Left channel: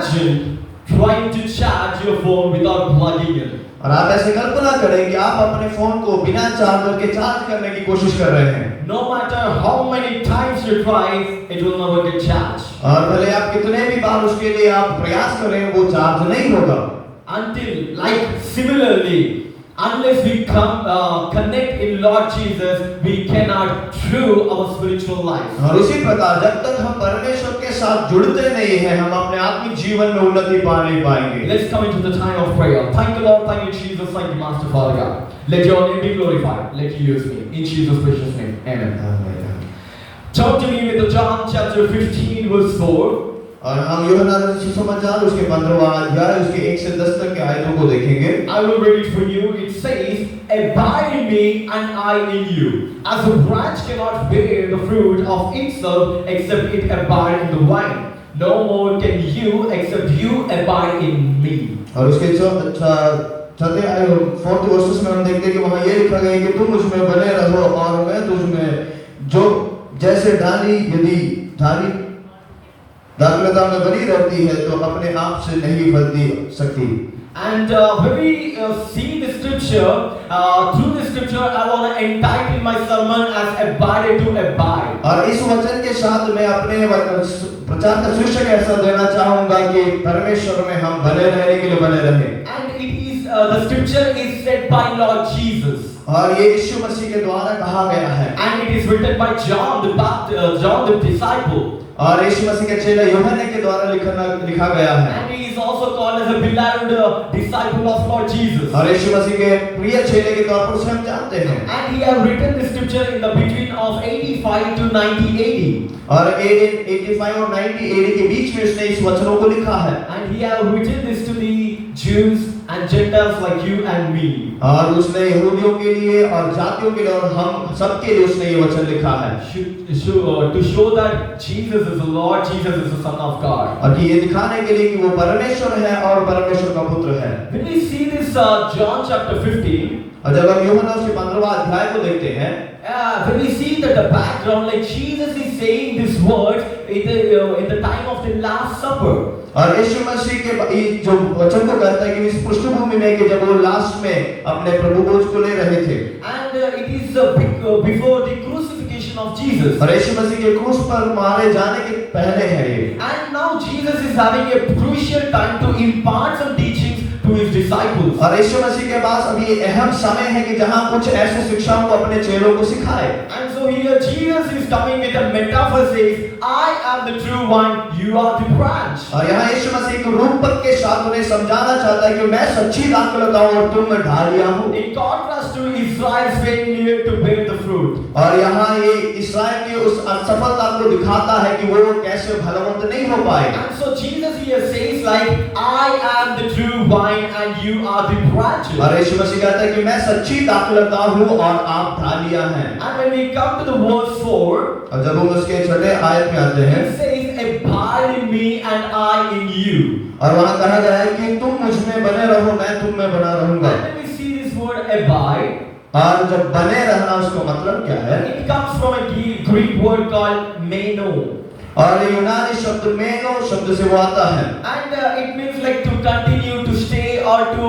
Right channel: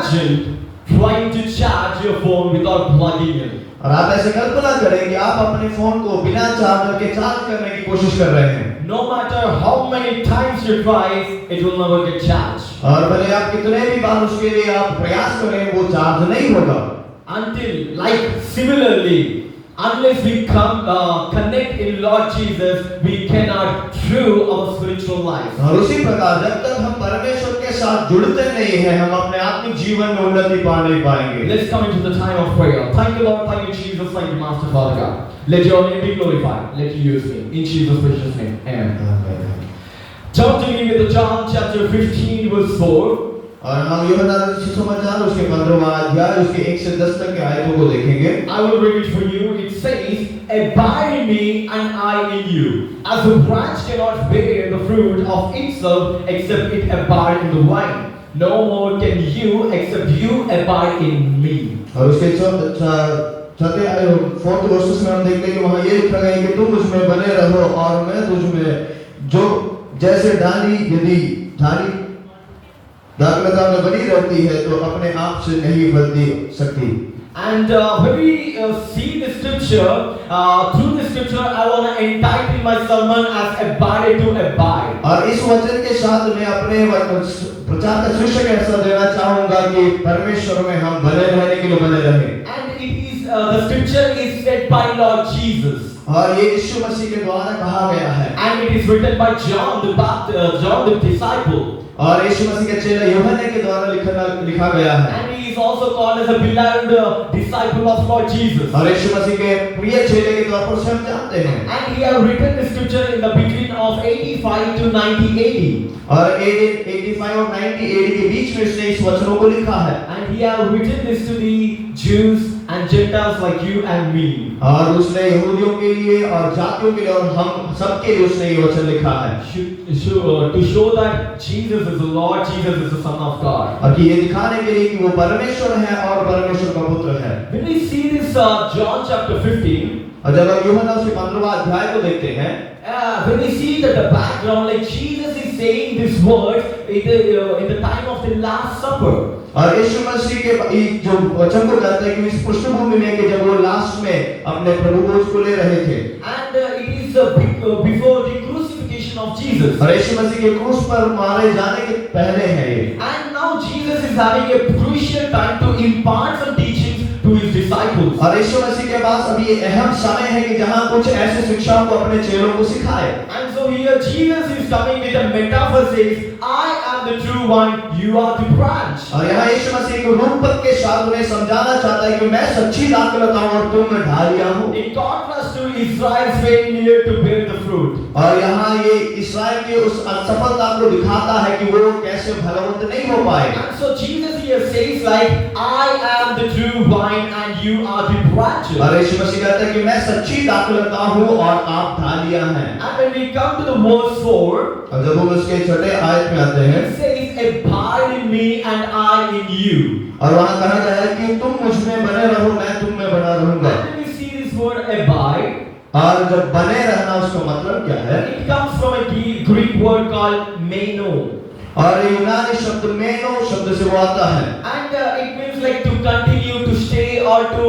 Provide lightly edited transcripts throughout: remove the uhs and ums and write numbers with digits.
imagine trying to charge your phone without plugging it? और आप ऐसे कल्पना करें कि आप अपने फोन को बिना चार्जर के चार्ज करने की कोशिश कर रहे हैं। No matter how many times you try, it will never get charged. और भले आप कितने भी बार उसके लिए आप प्रयास करें, वो चार्ज नहीं होगा। Similarly, unless we connect in Lord Jesus, we cannot through our spiritual life. और उसी प्रकार जब तक हम परमेश्वर के साथ जुड़ते नहीं हैं, हम अपने आत्मिक जीवन में उन्नति पा नहीं पाएंगे। Let's come into the time of prayer. Thank you, Lord. Thank you, Jesus. Thank you, Master, Father God. Let your name be glorified. Let you use me in Jesus' precious name. Amen. Turn to me with John chapter 15, verse 4. और हम यूहन्ना सुसमाचार उसके 15वां अध्याय उसके 1 से 10 तक के आयतों को देखेंगे। I will read it for you. It says, "Abide in me and I in you. As a branch cannot bear the fruit of itself except it abide in the vine, no more can you except you abide in me." और उसके चौथे fourth versus में हम देखते हैं कि वहाँ ये लिखा गया है कि तुम मुझ में बने रहो और मैं तुझ में, जो जैसे डाली यदि डाली दाखलता में बनी रहती है तो अपने आप से नहीं फलती सकती। And when we see the scripture, through the scripture, I want to entitle my sermon as "Abide to Abide." और इस वचन के साथ मैं अपने प्रचार का शीर्षक ऐसा देना चाहूँगा कि परमेश्वर में हम भले रहने के लिए बने रहें। And it is the scripture is said by Lord Jesus. और ये यीशु मसीह के द्वारा कहा गया है। And it is written by John the disciple. और यीशु मसीह के चेले यूहन्ना के द्वारा लिखा गया है। And he is also called as a beloved disciple of Lord Jesus. और यीशु मसीह के प्रिय चेले के तौर पर उसे हम जानते हैं। And he have written the scripture in the between of 85 to 90 AD. और 85 और 90 AD के बीच में उसने इस वचनों को लिखा है। And he have written this to the Jews and Gentiles like you and me. और उसने यहूदियों के लिए और जातियों के लिए और हम सब के लिए उसने ये वचन लिखा है। To show that Jesus is the Lord, Jesus is the Son of God. और कि ये दिखाने के लिए कि वो परमेश्वर है और परमेश्वर का पुत्र है। When we see this John chapter 15, और जब हम यूहन्ना उसके 15वां अध्याय को देखते हैं, when we see that the background, like Jesus is saying this word in the time of the Last Supper. और यीशु मसीह के जो वचन को कहता है कि इस पृष्ठभूमि में कि जब वो लास्ट में अपने प्रभु भोज को ले रहे थे। And it is before the crucifixion of Jesus. और यीशु मसीह के क्रूस पर मारे जाने के पहले है ये। And now Jesus is having a crucial time to impart some teachings to his disciples. और यीशु मसीह के पास अभी ये अहम समय है कि जहाँ कुछ ऐसे शिक्षाओं को अपने चेलों को सिखाए। And so here Jesus is coming with a metaphor, says, "I am the true vine, you are the branch." और यहाँ यीशु मसीह को रूपक के साथ उन्हें समझाना चाहता है कि मैं सच्ची दाखलता हूँ और तुम ढालियाँ हो। In contrast to Israel's failure to bear the fruit. और यहाँ ये इस्राएल की उस असफलता को दिखाता है कि वो कैसे फलवंत नहीं हो पाए। And so Jesus here says like, "I am the true vine and you are the branches." और यीशु मसीह कहता है कि मैं सच्ची दाखलता हूँ और आप ढालियाँ हैं। And when we come to the verse 4, और जब हम उसके छठे आयत में आते हैं, it says, "Abide in me and I in you." और वहाँ कहा गया है कि तुम मुझ में बने रहो, मैं तुम में बना रहूंगा। And when we see this word abide, और जब बने रहना उसका मतलब क्या है? it comes from a Greek word called meno. और यूनानी शब्द मेनो शब्द से वो आता है। And it means like to continue, to stay or to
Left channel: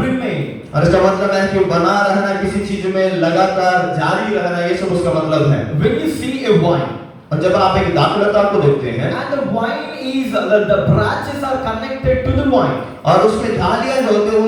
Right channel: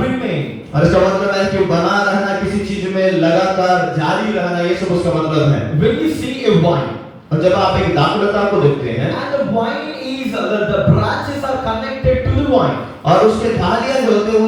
remain. और इसका मतलब है कि बना रहना, किसी चीज में लगातार जारी रहना, ये सब उसका मतलब है। When you see a vine, और जब आप एक दाखलता को देखते हैं, and the vine is the branches are connected to the vine. और उसके डालियां जो होती है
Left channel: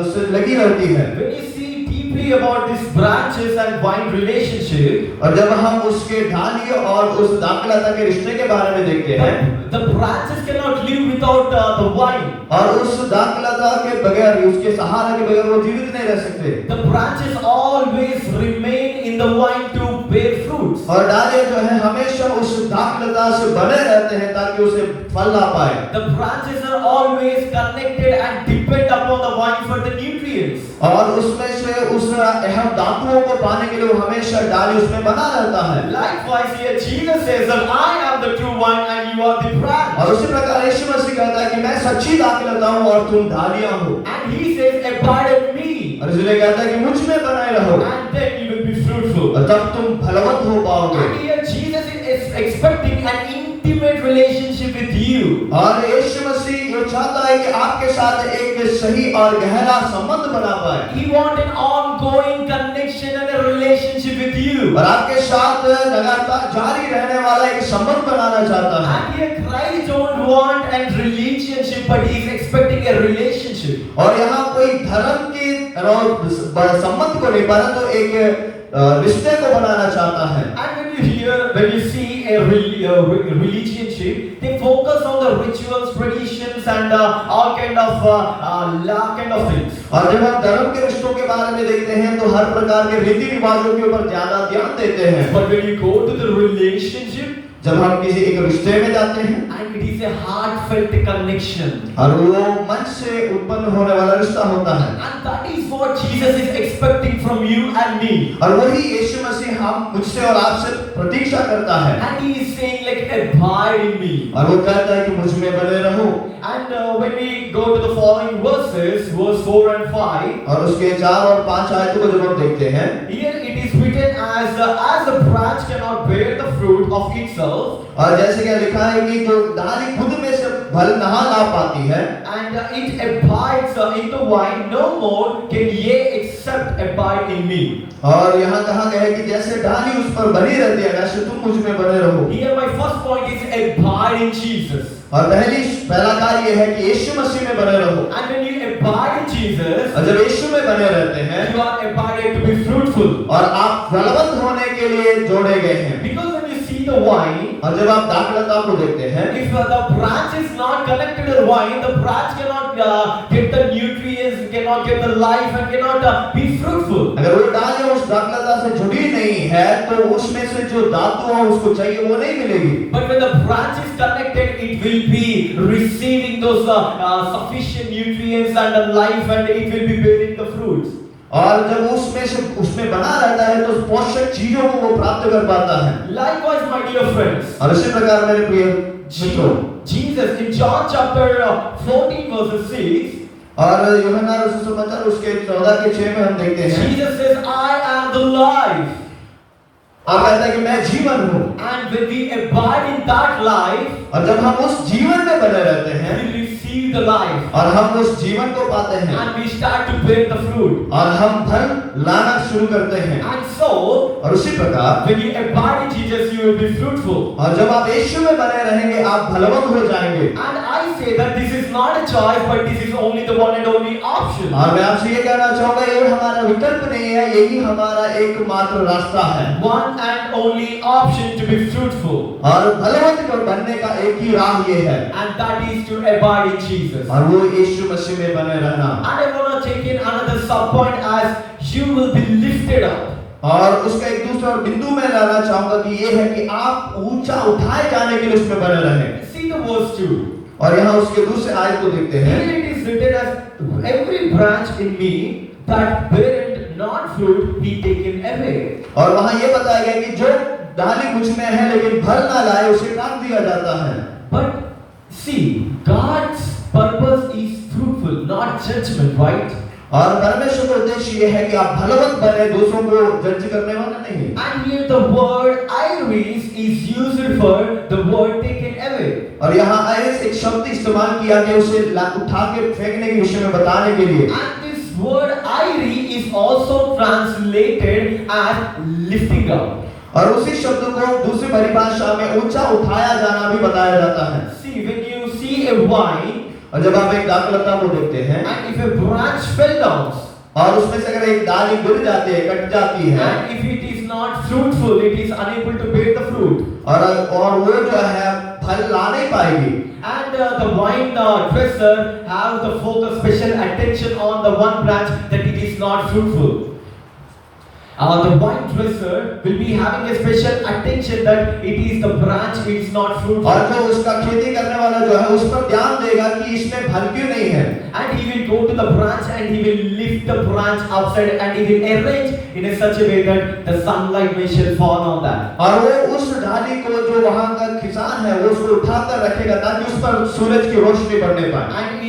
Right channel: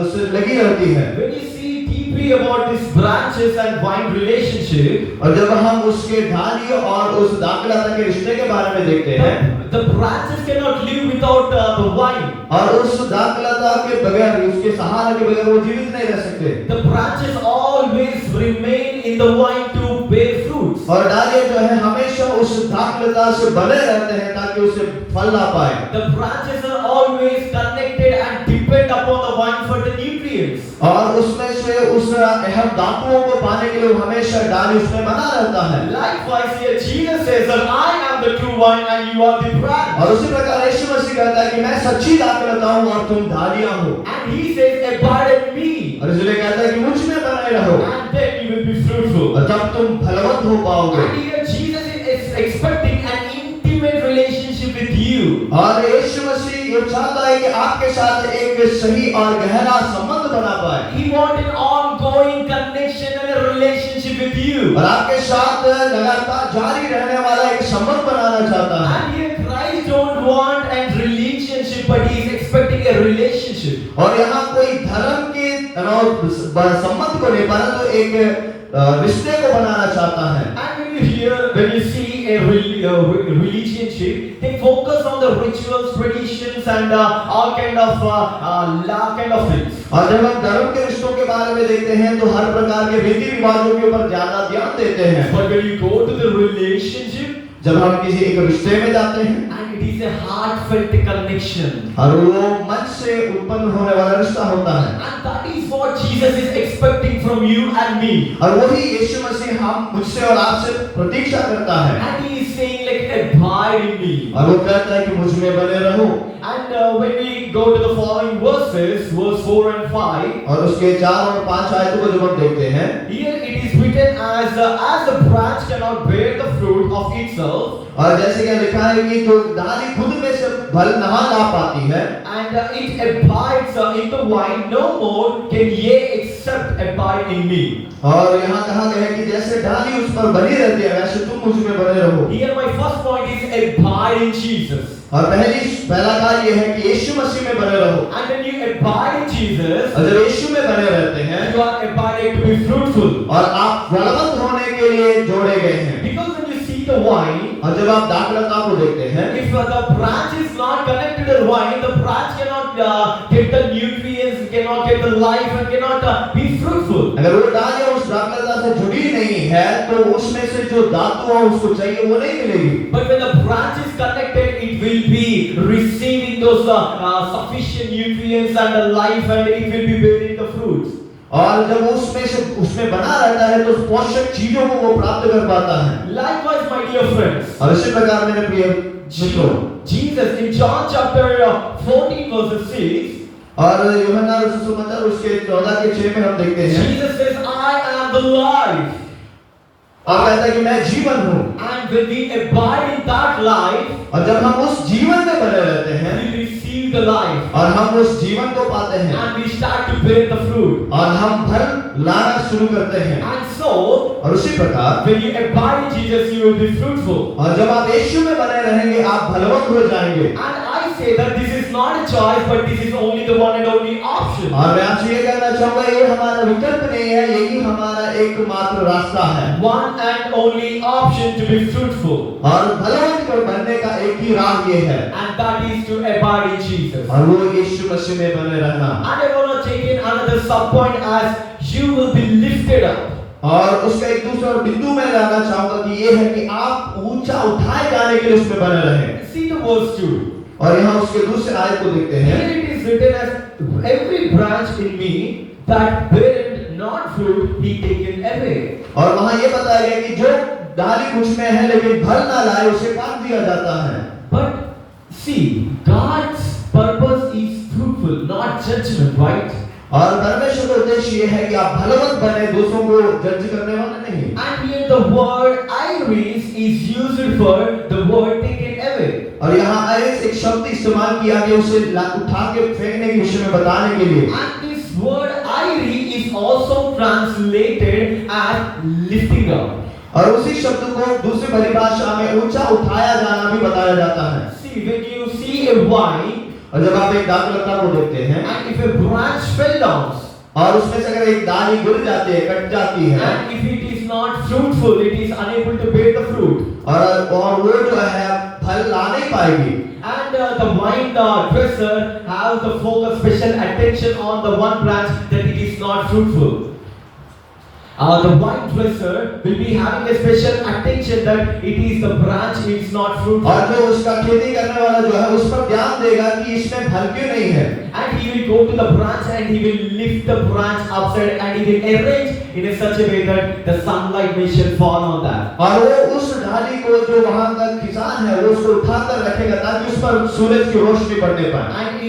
उससे लगी रहती है। When you see deeply about this branches and vine relationship, और जब हम उसके डालियों और उस दाखलता के रिश्ते के बारे में देखते हैं, the branches cannot live without the vine. और उस दाखलता के बगैर, उसके सहारे के बगैर वो जीवित नहीं रह सकते। The branches always remain in the vine to bear fruits. और डालियां जो है हमेशा उस दाखलता से बने रहते हैं ताकि उसे फल ला पाए। The branches are always connected and depend upon the vine for the nutrients. और उसमें से उस अहम धातुओं को पाने के लिए हमेशा डाली उसमें बना रहता है। Likewise here Jesus says that I am the true vine and you are the branch. और उसी प्रकार यीशु मसीह कहता है कि मैं सच्ची दाखलता हूँ और तुम डालियां हो। And he says abide in me. और इसलिए कहता है कि मुझ में बने रहो, And then you will be fruitful. और तब तुम फलवंत हो पाओगे। And here Jesus is expecting an intimate relationship with you. और यीशु मसीह ये चाहता है कि आपके साथ एक सही और गहरा संबंध बना पाए। He wants an ongoing connection and a relationship with you. और आपके साथ लगातार जारी रहने वाला एक संबंध बनाना चाहता है। And here Christ don't want a relationship, but he is expecting a relationship. और यहाँ कोई धर्म के संबंध को नहीं परंतु एक रिश्ते को बनाना चाहता है। And when you see a relationship, they focus on the rituals, traditions, and all kind of things. और जब हम धर्म के रिश्तों के बारे में देखते हैं तो हर प्रकार के रीति रिवाजों के ऊपर ज्यादा ध्यान देते हैं। But when you go to the relationship, जब हम किसी एक रिश्ते में जाते हैं, and it is a heartfelt connection, और वो मन से उत्पन्न होने वाला रिश्ता होता है, and that is what Jesus is expecting from you and me. और वही यीशु मसीह हम मुझसे और आपसे प्रतीक्षा करता है। And he is saying like, abide in me. और वो कहता है कि मुझ में बने रहो। And when we go to the following verses, verse 4 and 5, और उसके 4 और 5 आयतों को जब हम देखते हैं, here it is written as a branch cannot bear the fruit of itself, और जैसे कि लिखा है कि जो डाली खुद में से फल नहीं ला पाती है, and it abides in the vine, no more can ye except abide in me. और यहाँ कहा गया है कि जैसे डाली उस पर बनी रहती है वैसे तुम मुझ में बने रहो। Here my first point is abide in Jesus. और पहला कार्य यह है कि यीशु मसीह में बने रहो। And when you abide in Jesus, और जब यीशु में बने रहते हैं, you are abided to be fruitful. और आप फलवंत होने के लिए जोड़े गए हैं। Because when you see the vine, और जब आप दाखलता को देखते हैं, if the branch is not connected to the vine, the branch cannot get the nutrients, cannot get the life, and cannot be fruitful. अगर वो डालियाँ उस दाखलता से जुड़ी नहीं है, तो उसमें से जो धातु है उसको चाहिए वो नहीं मिलेगी। But when the branch is connected, it will be receiving those sufficient nutrients and the life, and it will be bearing the fruits. और जब उसमें बना रहता है तो पोषक चीजों को वो प्राप्त कर पाता है। Likewise, my dear friends, और इसी प्रकार मेरे प्रिय मित्रों, Jesus in John chapter 14 verse 6, और यूहन्ना सुसमाचार उसके 14 के 6 में हम देखते हैं, Jesus says, I am the life. आप कहते हैं कि मैं जीवन हूँ। And when we abide in that life, और जब हम उस जीवन में बने रहते हैं, we receive the life. और हम उस जीवन को पाते हैं, And we start to bear the fruit. और हम फल लाना शुरू करते हैं। And so, और उसी प्रकार when you abide in Jesus, you will be fruitful. और जब आप यीशु में बने रहेंगे आप फलवंत हो जाएंगे। And I say that this is not a choice, but this is only the one and only option. और मैं आपसे ये कहना चाहूँगा, ये हमारा विकल्प नहीं है, यही हमारा एकमात्र रास्ता है। One and only option to be fruitful. और फलवंत बनने का एक ही राह ये है, And that is to abide in Jesus. और वो यीशु मसीह में बने रहना। And I want to take in another sub point as you will be lifted up. और उसका एक दूसरा बिंदु में लाना चाहूँगा कि ये है कि आप ऊंचा उठाए जाने के लिए उसमें बने रहें। See the verse 2. और यहाँ उसके दूसरे आयत को देखते हैं। Here it is written as every branch in me that beareth not fruit be taken away. और वहाँ ये बताया गया कि जो डाली मुझ में है लेकिन फल ना लाए उसे काट दिया जाता है। But see, God's purpose is fruitful, not judgment, right? और परमेश्वर का उद्देश्य ये है कि आप फलवंत बने, दूसरों को जज करने वाले नहीं। And here the word iris is used for the word taken away. और यहाँ आयरिस एक शब्द इस्तेमाल किया गया उसे उठा के फेंकने के विषय में बताने के लिए। And this word iris is also translated as lifting up. और उसी शब्द को दूसरी परिभाषा में ऊंचा उठाया जाना भी बताया जाता है। See, when you see a vine, और जब आप एक दाखलता को देखते हैं, and if a branch fell down, और उसमें से अगर एक डाली गिर जाती है, कट जाती है, and if it is not fruitful, it is unable to bear the fruit. और वो जो है फल ला नहीं पाएगी। And the vine dresser has the focus special attention on the one branch that it is not fruitful. The vine dresser will be having a special attention that it is the branch which is not fruitful. और जो उसका खेती करने वाला जो है उस पर ध्यान देगा कि इसमें फल क्यों नहीं है। And he will go to the branch and he will lift the branch upside and he will arrange in a such a way that the sunlight may shall fall on that. और वो उस डाली को जो वहाँ का किसान है वो उसको उठाकर रखेगा ताकि उस पर सूरज की रोशनी पड़ने पाए। And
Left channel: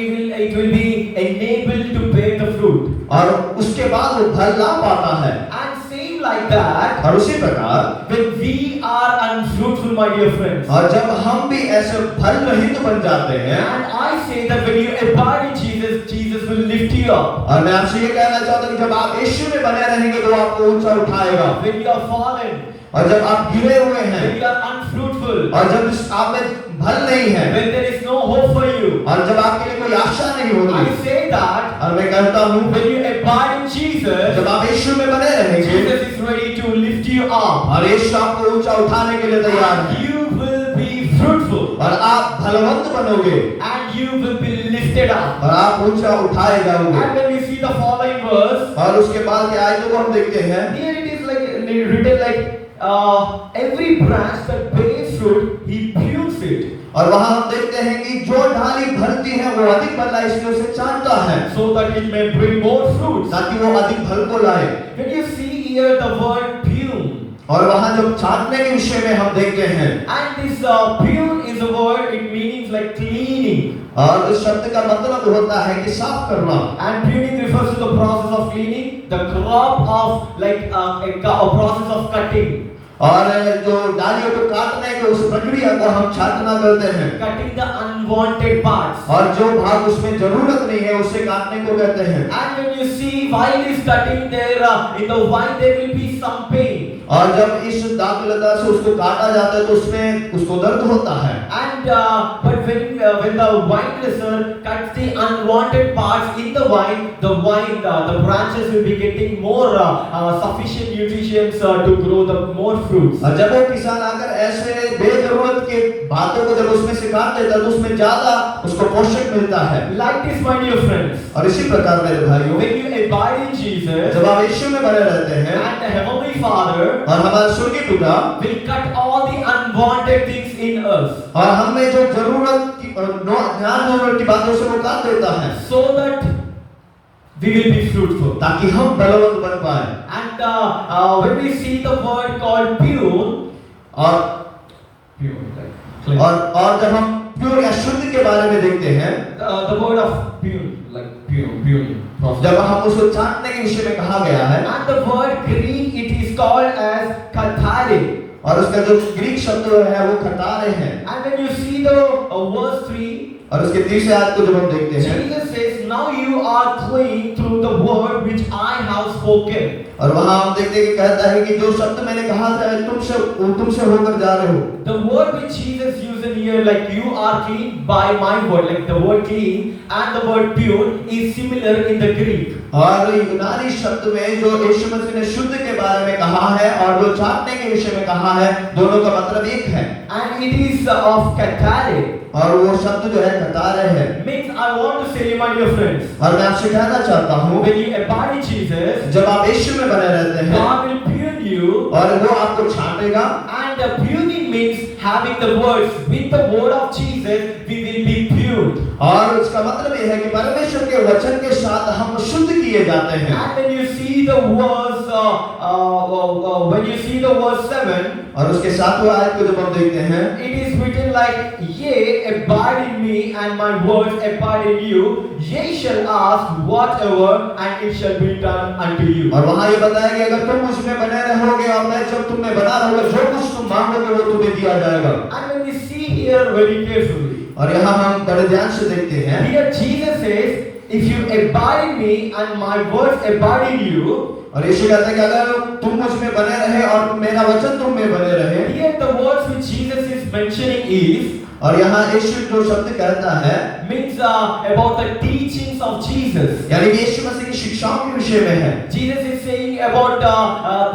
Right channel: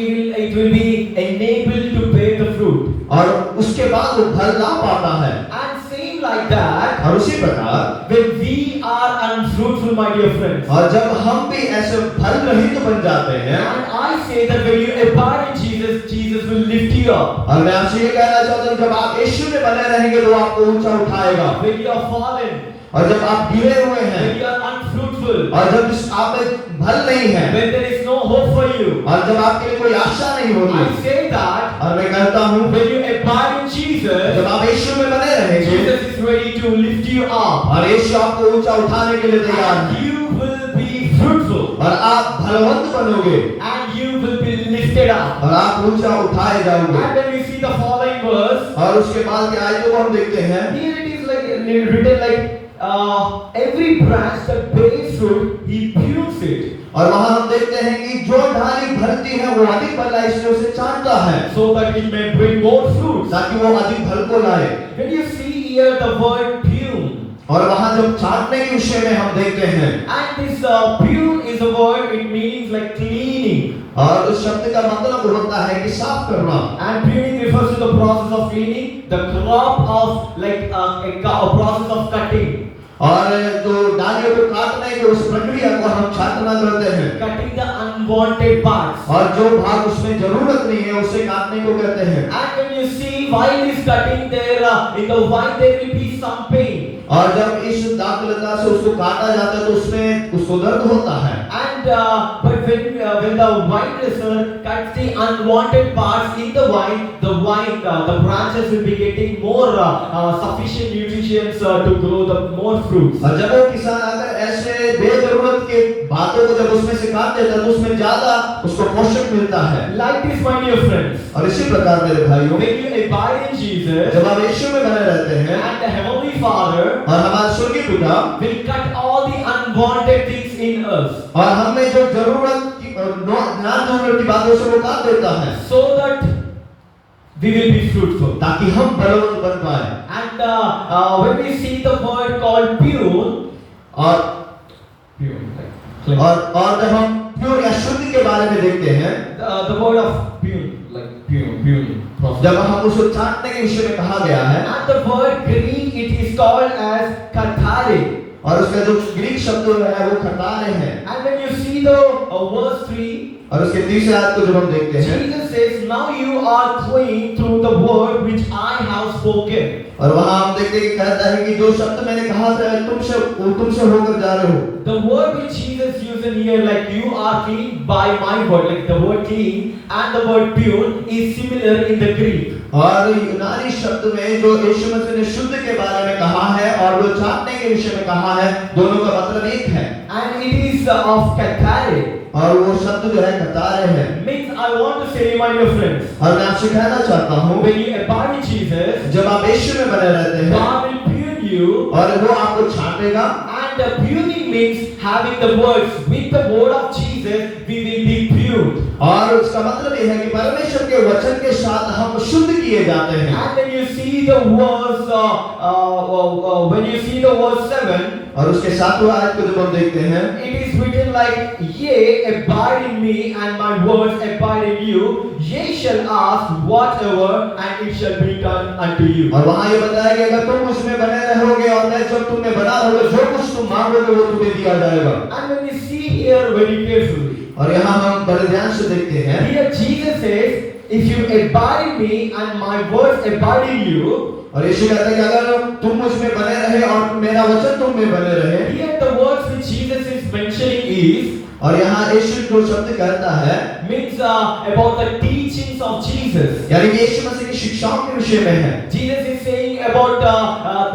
it will be enabled to bear the fruit. और उसके बाद वो फल ला पाता है। And same like that, और उसी प्रकार when we are unfruitful, my dear friends, और जब हम भी ऐसे फल रहित बन जाते हैं, and I say that when you abide in Jesus, Jesus will lift you up. और मैं आपसे ये कहना चाहता हूँ कि जब आप यीशु में बने रहेंगे तो आपको ऊंचा उठाएगा। When you are fallen, और जब आप गिरे हुए हैं, when you are unfruitful, और जब आप में फल नहीं है, when there is no hope for you, और जब आपके लिए कोई आशा नहीं होती, I say that और मैं कहता हूँ when you abide in Jesus, जब आप यीशु में बने रहेंगे, Jesus is ready to lift you up. और यीशु आपको ऊंचा उठाने के लिए तैयार And है, you will be fruitful, और आप फलवंत बनोगे, and you will be lifted up. और आप ऊंचा उठाए जाओगे। And when we see the following verse, और उसके बाद के आयतों को हम देखते हैं, here it is like written like every branch that bears fruit, he prunes it, और वहां हम देखते हैं कि जो डाली फलती है वो अधिक फल इसलिए उसे चाटता है, so that it may bring more fruits. ताकि वो अधिक फल को लाए। When you see here the word prune, और वहां जब छाटने के विषय में हम देखते हैं, and this prune is a word, it means like cleaning. और उस शब्द का मतलब होता है कि साफ करना। And pruning refers to the process of cleaning, the crop of like a process of cutting. और जो डालियों को काटने की उस प्रक्रिया को हम छाटना करते हैं, Cutting the unwanted parts. और जो भाग उसमें जरूरत नहीं है उसे काटने को कहते हैं। And when you see while he's cutting there, in the vine there will be some pain. और जब इस दाखलता से उसको काटा जाता है तो उसमें उसको दर्द होता है। And but when the vine dresser cuts the unwanted parts in the vine, the branches will be getting more sufficient nutrients to grow the more fruits. और जब वो किसान अगर ऐसे बेजरूरत के बातों को जब उसमें से काट देता है तो उसमें ज्यादा उसको पोषक मिलता है। Like this, my dear friends, और इसी प्रकार मेरे भाइयों, when you abide in Jesus, जब आप यीशु में बने रहते हैं, and the Heavenly Father और हमारा स्वर्गीय पिता will cut all the unwanted things in us, और हमें जो जरूरत की जरूरत की बातों से वो काट देता है, so that we will be fruitful. ताकि हम बलवंत बन पाए। And when we see the word called pure, और जब हम प्योर या शुद्ध के बारे में देखते हैं, the word of pure, like pure, जब हम उसको छाटने के विषय में कहा गया है, and the word Greek it is called as kathare. और उसका जो ग्रीक शब्द है वो खतारे है। And when you see the verse 3, और उसके तीसरे आयत को जब हम देखते हैं, Jesus says, "Now you are clean through the word which I have spoken." और वहां हम देखते हैं कि कहता है कि जो शब्द मैंने कहा था तुमसे होकर जा रहे हो। The word which Jesus used in here, like you are clean by my word, like the word clean and the word pure is similar in the Greek. और यूनानी शब्द में जो यीशु मसीह ने शुद्ध के बारे में कहा है और जो छाटने के विषय में कहा है, दोनों का मतलब एक है। And it is of kathare. और वो शब्द जो है खतारे है। Means I want to say, my dear friends, और मैं आपसे कहना चाहता हूँ, when you abide in Jesus, जब आप यीशु में बने रहते हैं, God will prune you, और वो आपको छाटेगा, and the pruning means having the words with the word of Jesus, we will be pruned. और उसका मतलब ये है कि परमेश्वर के वचन के साथ हम शुद्ध किए जाते हैं। And when you see the verse 7, और उसके सातवें आयत को जब हम देखते हैं, it is written like, "Yea, abide in me, and my words abide in you. Ye shall ask whatever, and it shall be done unto you." और वहाँ ये बताया कि अगर तुम उसमें बने रहोगे और मैं जब तुम्हें बना रहूंगा, जो कुछ तुम मांगोगे वो तुम्हें दिया जाएगा। And when we see here very carefully, और यहाँ हम बड़े ध्यान से देखते हैं, here Jesus says, "If you abide in me, and my words abide in you." और यीशु कहता है कि अगर तुम मुझ में बने रहे और मेरा वचन तुम में बने रहे, Here the words which Jesus is mentioning is, और यहाँ यीशु जो शब्द कहता है means about the teachings of Jesus. यानी कि यीशु मसीह की शिक्षाओं के विषय में है। Jesus is saying about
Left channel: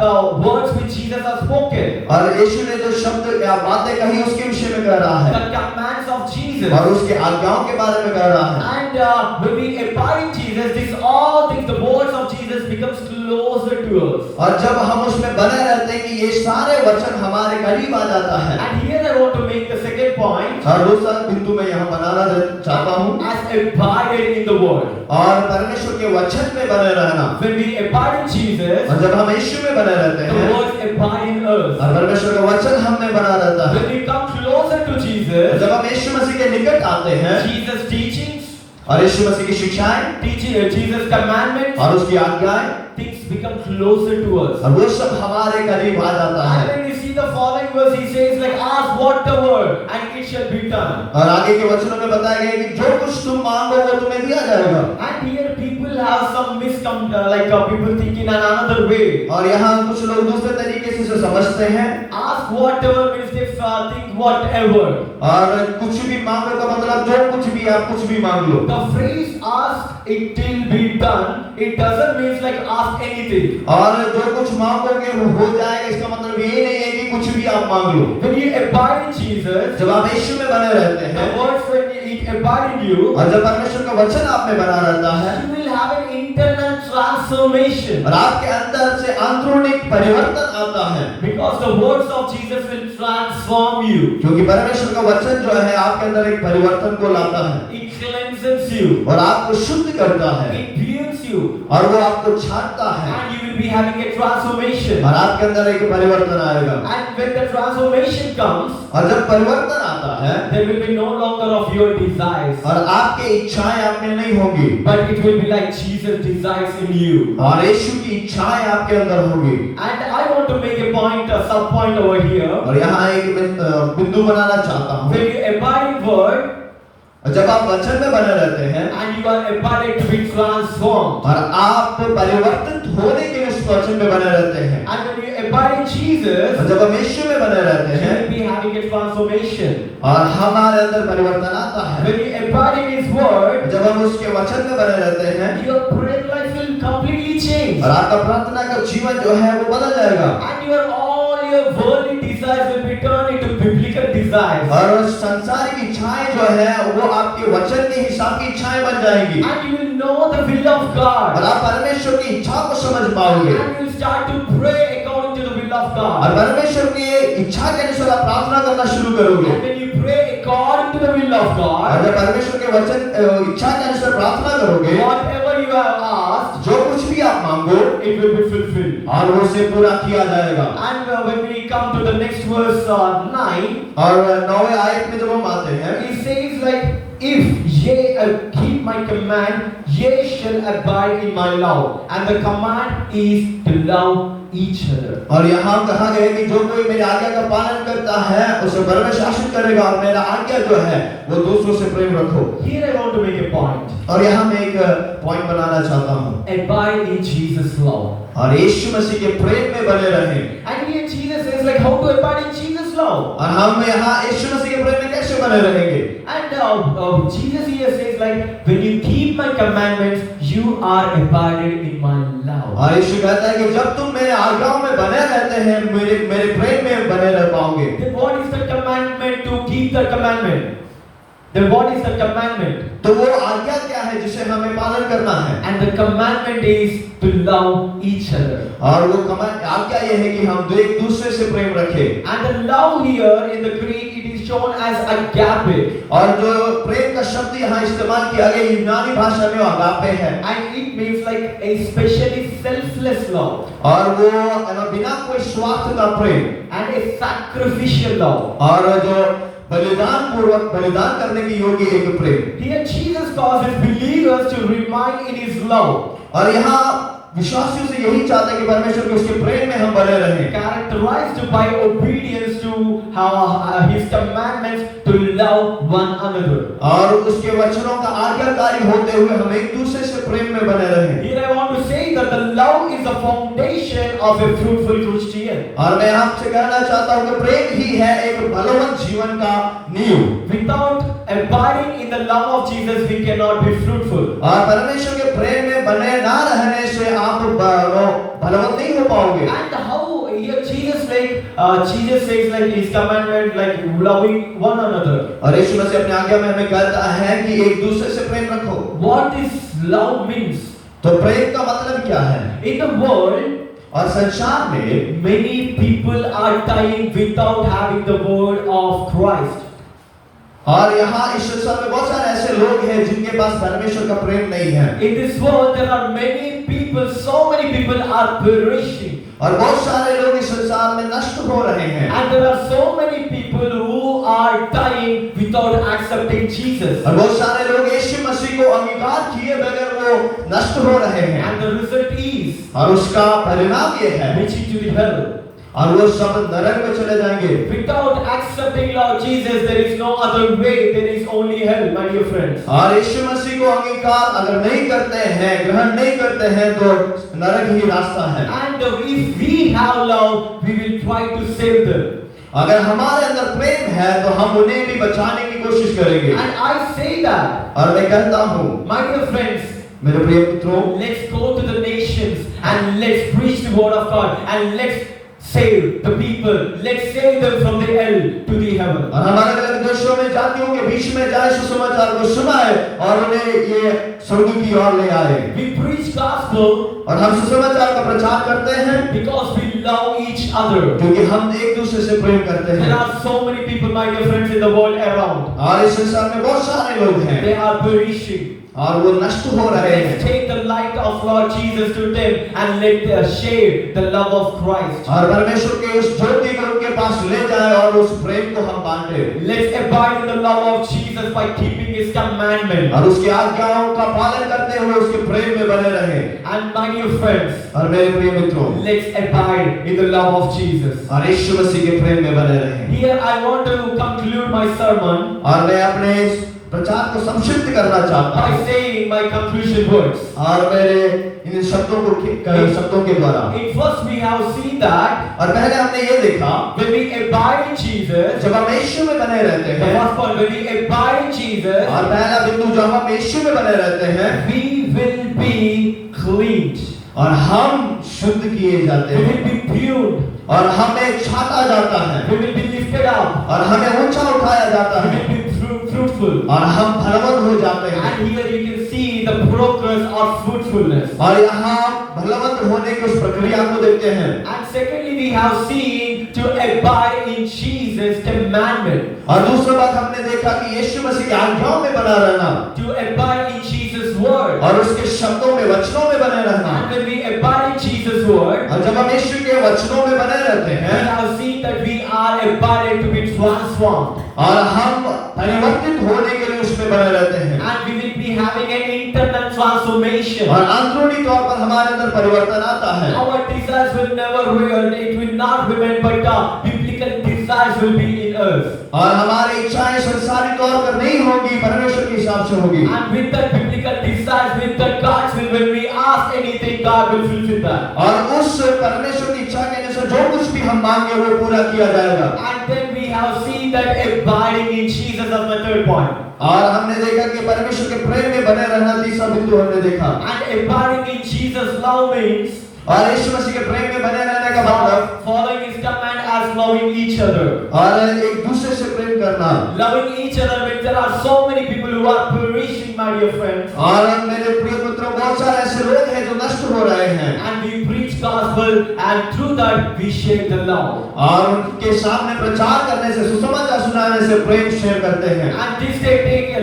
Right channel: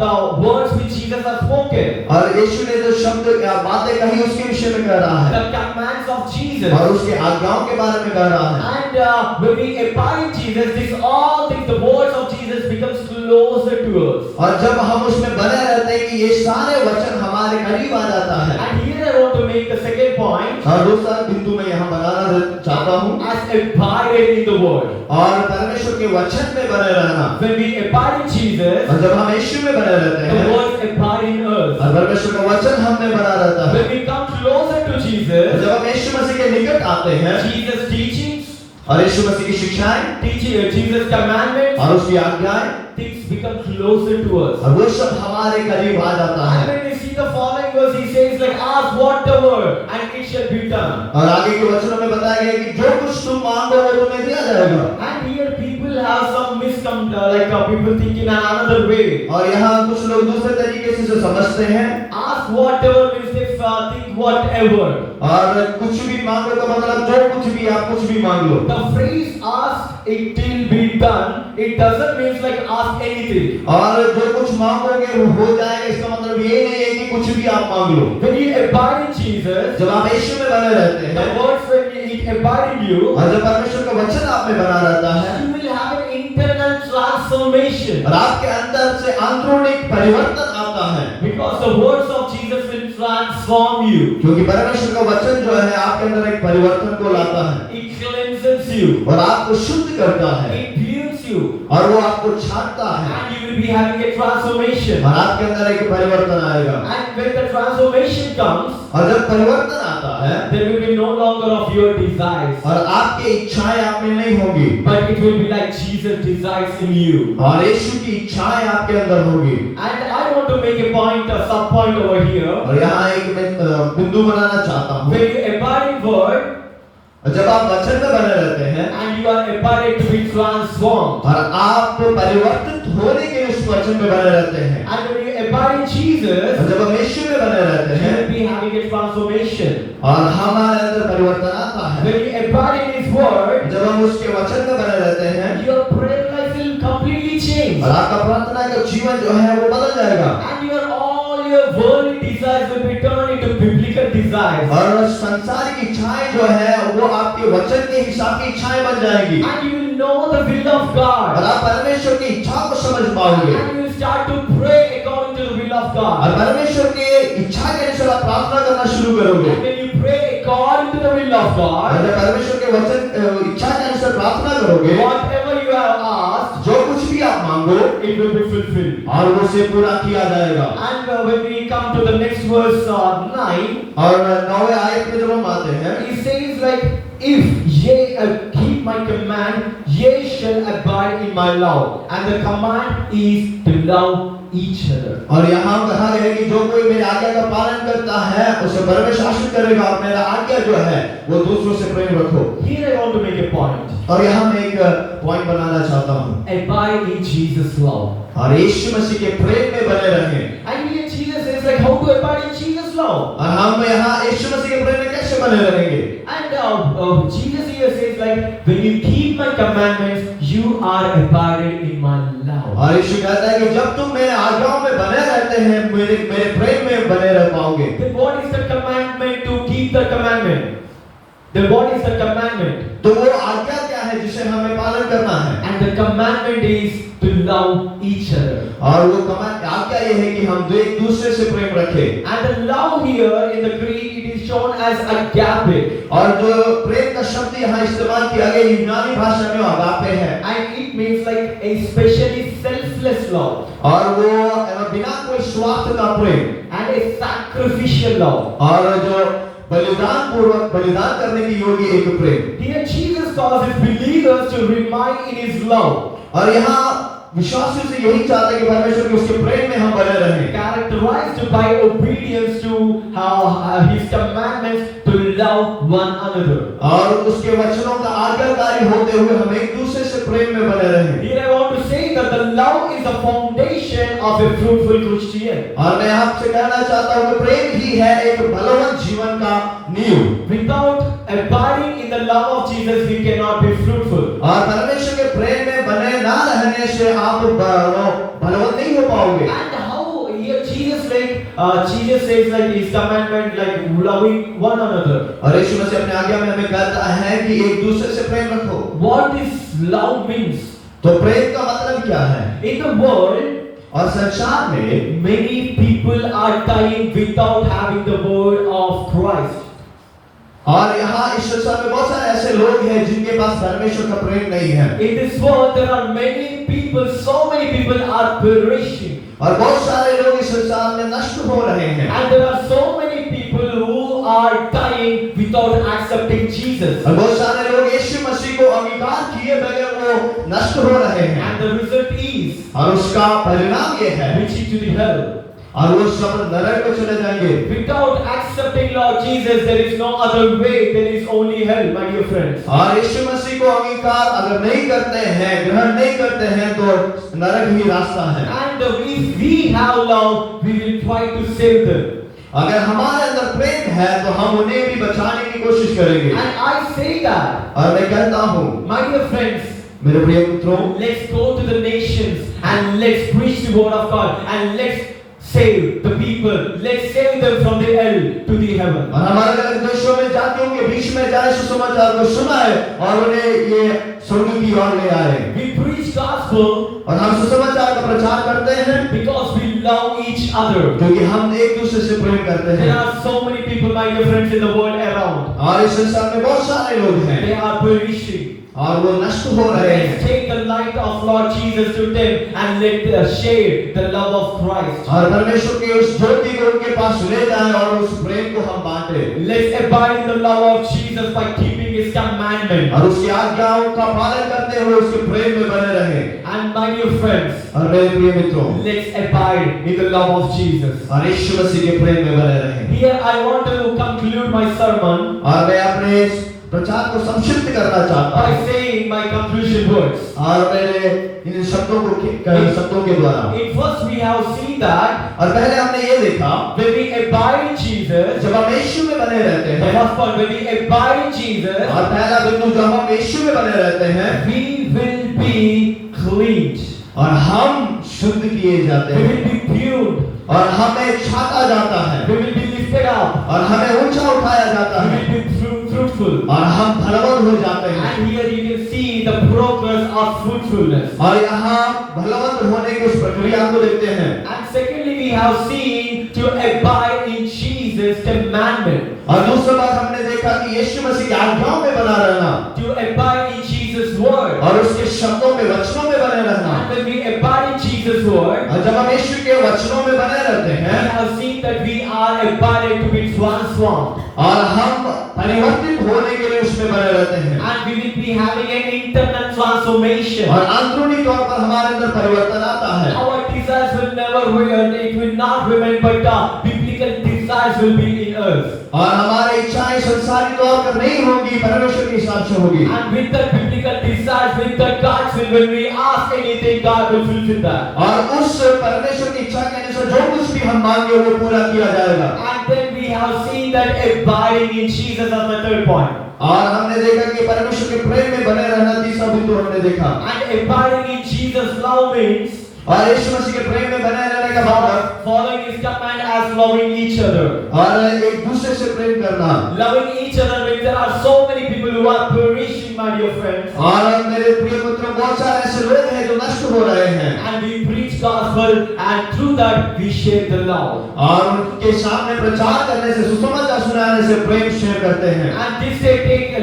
the words which Jesus has spoken, और यीशु ने जो शब्द या बातें कही उसके विषय में कह रहा है, the commands of Jesus. और उसके आज्ञाओं के बारे में कह रहा है। And when we abide in Jesus, this all things, the words of Jesus becomes closer to us. और जब हम उसमें बने रहते हैं कि ये सारे वचन हमारे करीब आ जाता है। And here I want to make the second point, और दूसरा बिंदु मैं यहाँ बनाना चाहता हूँ, as abided in the word. और परमेश्वर के वचन में बने रहना। When we abide in Jesus, और जब हम यीशु में बने रहते the हैं words abide in us. और परमेश्वर का वचन हम में बना रहता है, When we come closer to Jesus, जब हम यीशु मसीह के निकट आते हैं, Jesus' teachings, और यीशु मसीह की शिक्षाएं teaching Jesus' commandments, और उसकी आज्ञाएं things become closer to us. और वो सब हमारे करीब आ जाता And है। when you see the following verse, he says like, ask whatever and it shall be done. और आगे के वचनों में बताया गया है कि जो कुछ तुम मांगो वो तुम्हें दिया जाएगा। And here people have some people think in another way. और यहाँ कुछ लोग दूसरे तरीके से इसे समझते हैं। Ask whatever means they think whatever. और कुछ भी मांगो का मतलब जो कुछ भी आप कुछ भी मांग लो। The phrase ask it till be done, it doesn't mean like ask anything. और जो कुछ मांगोगे वो हो जाएगा, इसका मतलब ये नहीं है कि कुछ भी आप मांग लो। When you abide in Jesus, जब आप यीशु में बने रहते हैं, the words when it abide in you, और जब परमेश्वर का वचन आप में बना रहता है, you will have an internal transformation. और आपके अंदर से आंतरिक परिवर्तन आता है। Because the words of Jesus will transform you. क्योंकि परमेश्वर का वचन जो है आपके अंदर एक परिवर्तन को लाता है It cleanses you. और आपको शुद्ध करता है It builds you. और वो आपको छांटता है And you will be having a transformation. और आपके अंदर एक परिवर्तन आएगा। And when the transformation comes, और जब परिवर्तन आता है, there will be no longer of your desires, और आपकी इच्छाएं आप में नहीं होगी, but it will be like Jesus desires in you. और यीशु की इच्छाएं आपके अंदर होगी। And I want to make a point, a sub point over here. और यहाँ एक बिंदु बनाना चाहता हूँ। When you abide in word, जब आप वचन में बने रहते हैं and you are abided to be transformed, और आप परिवर्तित होने के लिए उस वचन में बने रहते हैं, and when you abide in Jesus, और जब हम यीशु में बने रहते you हैं will be having a transformation. और हमारे अंदर परिवर्तन आता है, When you abide in His word, जब हम उसके वचन में बने रहते हैं your prayer life will completely change, और आपका प्रार्थना का जीवन जो है वो बदल जाएगा and all your worldly desires will be turned into biblical desires, और संसारिक इच्छाएं जो है वो आपके वचन के हिसाब की इच्छाएं बन जाएंगी and you will know the will of और God, आप परमेश्वर की इच्छा को समझ पाओगे and you will start to pray according to the will of और God. परमेश्वर की इच्छा के अनुसार आप प्रार्थना करना शुरू करोगे And when you pray according to the will of और God, जब परमेश्वर के वचन इच्छा के अनुसार प्रार्थना करोगे, whatever you have asked, जो कुछ भी आप मांगो it will be fulfilled. और उसे पूरा किया जाएगा। And when we come to the next verse 9, और 9वें आयत में जब हम आते हैं, he says like, if ye keep my command, ye shall abide in my love, and the command is to love each other. और यहाँ कहा गया है कि जो कोई मेरी आज्ञा का पालन करता है उसे घर में शासित करेगा और मेरा आज्ञा जो है वो दूसरों से प्रेम रखो। Here I want to make a point. और यहाँ मैं एक पॉइंट बनाना चाहता हूँ Abide in Jesus' love. और यीशु मसीह के प्रेम में बने रहें। And here Jesus says like how to abide in Jesus' love. और हम यहाँ यीशु मसीह के प्रेम में कैसे बने रहेंगे? And Jesus here says like when you keep my commandments, you are abided in my love. और यीशु कहता है कि जब तुम मेरे आज्ञाओं में बने रहते हैं, मेरे प्रेम में बने रह पाओगे। Then what is the commandment to keep the commandment? Then what is the commandment? तो वो आज्ञा क्या है जिसे हमें पालन करना है? And the commandment is to love each other. और वो आज्ञा ये है कि हम एक दूसरे से प्रेम रखें। And the love here in the Greek it is shown as agape. और जो प्रेम का शब्द यहाँ इस्तेमाल किया गया यूनानी भाषा में agape है। And it means like a specially selfless love. और वो बिना कोई स्वार्थ का प्रेम And a sacrificial love. और जो बलिदान पूर्वक बलिदान करने की योग्य एक प्रेम। Here Jesus causes believers to remain in His love. और यहाँ विश्वासियों से यही चाहता है कि परमेश्वर के उसके प्रेम में हम बने रहें। Characterized by obedience to His commandments to love one another. और उसके वचनों का आज्ञाकारी होते हुए हम एक दूसरे से प्रेम में बने रहें। Here I want to say that the love is the foundation of a fruitful Christian. और मैं आपसे कहना चाहता हूँ कि प्रेम ही है एक बलवंत जीवन का नींव। Without abiding in the love of Jesus, we cannot be fruitful. और परमेश्वर के प्रेम में बने ना रहने से आप बलवंत नहीं हो पाओगे। And how here Jesus says like His commandment like loving one another. और यीशु मसीह अपने आज्ञा में हमें कहता है कि एक दूसरे से प्रेम रखो। What this love means? तो प्रेम का मतलब क्या है? In the world, और संसार में many people are dying without having the word of Christ. और यहाँ इस संसार में बहुत सारे ऐसे लोग हैं जिनके पास परमेश्वर का प्रेम नहीं है। In this world there are many people, so many people are perishing. और बहुत सारे लोग इस संसार में नष्ट हो रहे हैं। And there are so many people who are dying without accepting Jesus. और बहुत सारे लोग यीशु मसीह मसीह को अंगीकार किए बगैर वो नष्ट हो रहे हैं, and the result is और उसका परिणाम ये है reaching to the hell. और वो सब नरक में चले जाएंगे। Without accepting Lord Jesus, there is no other way. There is only hell, my dear friends. और यीशु मसीह को अंगीकार अगर नहीं करते हैं, ग्रहण नहीं करते हैं, तो नरक ही रास्ता है। And if we have love, we will try to save them. अगर हमारे अंदर प्रेम है तो हम उन्हें भी बचाने की कोशिश करेंगे। And I say that, और मैं कहता हूँ, my dear friends, मेरे प्रिय मित्रों, let's go to the nations and let's preach the word of God and let's save the people. Let's save them from the hell to the heaven. और हमारे अलग देशों में जातियों के बीच में जाए सुसमाचार को सुनाए और उन्हें ये स्वर्ग की ओर ले आए। We preach gospel और हम सुसमाचार का प्रचार करते हैं because we love each other. क्योंकि हम एक दूसरे से प्रेम करते There हैं। are so many people, my dear friends, in the world around. और इस संसार में बहुत सारे लोग हैं They are perishing. और वो नष्ट हो रहे Let's हैं। take the light of Lord Jesus to them and let us share the love of Christ. और परमेश्वर के उस ज्योति को उनके पास ले जाए और उस प्रेम को हम बांटे। Let's abide in the love of Jesus by keeping His commandment. और उसकी आज्ञाओं का पालन करते हुए उसके प्रेम में बने रहे। And my dear friends, और मेरे प्रिय मित्रों, let's abide in the love of Jesus. और यीशु मसीह के प्रेम में बने रहे। Here I want to conclude my sermon और मैं अपने इस प्रचार को संक्षिप्त करना चाहता by हूँ saying my conclusion words. और मेरे इन शब्दों के द्वारा। First we have seen that और पहले हमने ये देखा, when we abide in Jesus, जब हम यीशु में बने रहते the हैं, first point, when we abide in Jesus, और पहला बिंदु जब हम यीशु में बने रहते हैं, we will be cleaned. और हम शुद्ध किए जाते We हैं, will be pure. और हमें छाता जाता है, We will be lifted up. और हमें ऊंचा उठाया जाता We है, will be fruitful. और हम फलवंत हो जाते हैं। And here you can see the progress of fruitfulness. और यहाँ फलवंत होने की उस प्रक्रिया को देखते हैं। And secondly, we have seen to abide in Jesus' commandment. और दूसरा बात हमने देखा कि यीशु मसीह की आज्ञाओं में बना रहना, To abide in Jesus' word. और उसके शब्दों में, वचनों में बने रहना। And when we abide in Jesus' word, और जब हम यीशु के वचनों में बने रहते we हैं, have seen that we are abided to be transformed. और हम परिवर्तित होने के लिए उसमें बने रहते हैं, And we will be having an internal transformation. और अंदरूनी तौर पर हमारे अंदर परिवर्तन आता है। Our desires will never remain, it will not remain, but biblical desires will be in us. और हमारी इच्छाएं संसारी तौर पर नहीं होगी, परमेश्वर के हिसाब से होगी। And with the biblical desires, with the God's will, when we ask anything, God will fulfill that. और उस परमेश्वर की इच्छा के अनुसार जो कुछ भी हम मांगे वो पूरा किया जाएगा। And then we have seen that abiding in Jesus as the third point. और हमने देखा कि परमेश्वर के प्रेम में बने रहना तीसरा बिंदु हमने देखा। And abiding in Jesus' love means और यीशु मसीह के प्रेम में बने रहने का मतलब following His command as loving each other. और एक दूसरे से प्रेम करना। Loving each other means there are so many people who are perishing, my dear friends. और मेरे प्रिय मित्रों, बहुत सारे ऐसे लोग हैं जो नष्ट हो रहे हैं, And we preach gospel, and through that we share the love. और उनके सामने प्रचार करने से, सुसमाचार सुनाने से प्रेम शेयर करते हैं। And this day,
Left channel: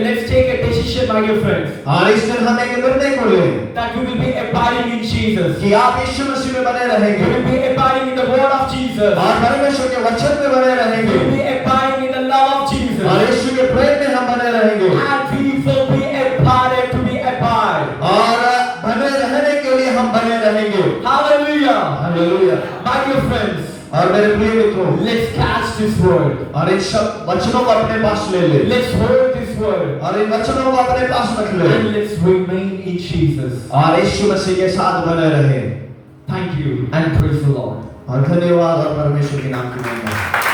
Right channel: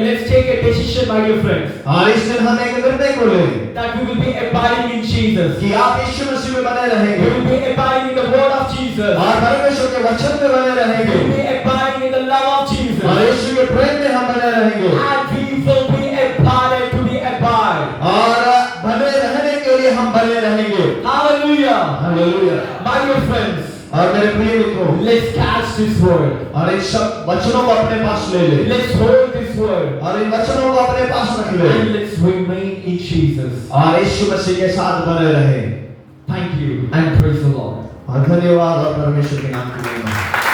let's take a decision, my dear friends, और इस दिन हम एक निर्णय को लें that we will be abiding in Jesus. कि आप यीशु मसीह में बने We रहेंगे, will be abiding in the word of Jesus. और परमेश्वर के वचन में बने We रहेंगे, will be abiding in the love of और Jesus. यीशु के प्रेम में हम बने रहेंगे, And we will be abided to be abide. और बने रहने के लिए हम बने रहेंगे। Hallelujah. Hallelujah. My dear friends, और मेरे प्रिय मित्रों, let's catch this word. और इन सब वचनों को अपने पास ले ले, Let's hold this word. और इन वचनों को अपने पास रख ले, And let's remain in Jesus. और यीशु मसीह के साथ बने रहे। Thank you and praise the Lord. और धन्यवाद और परमेश्वर के नाम की महिमा।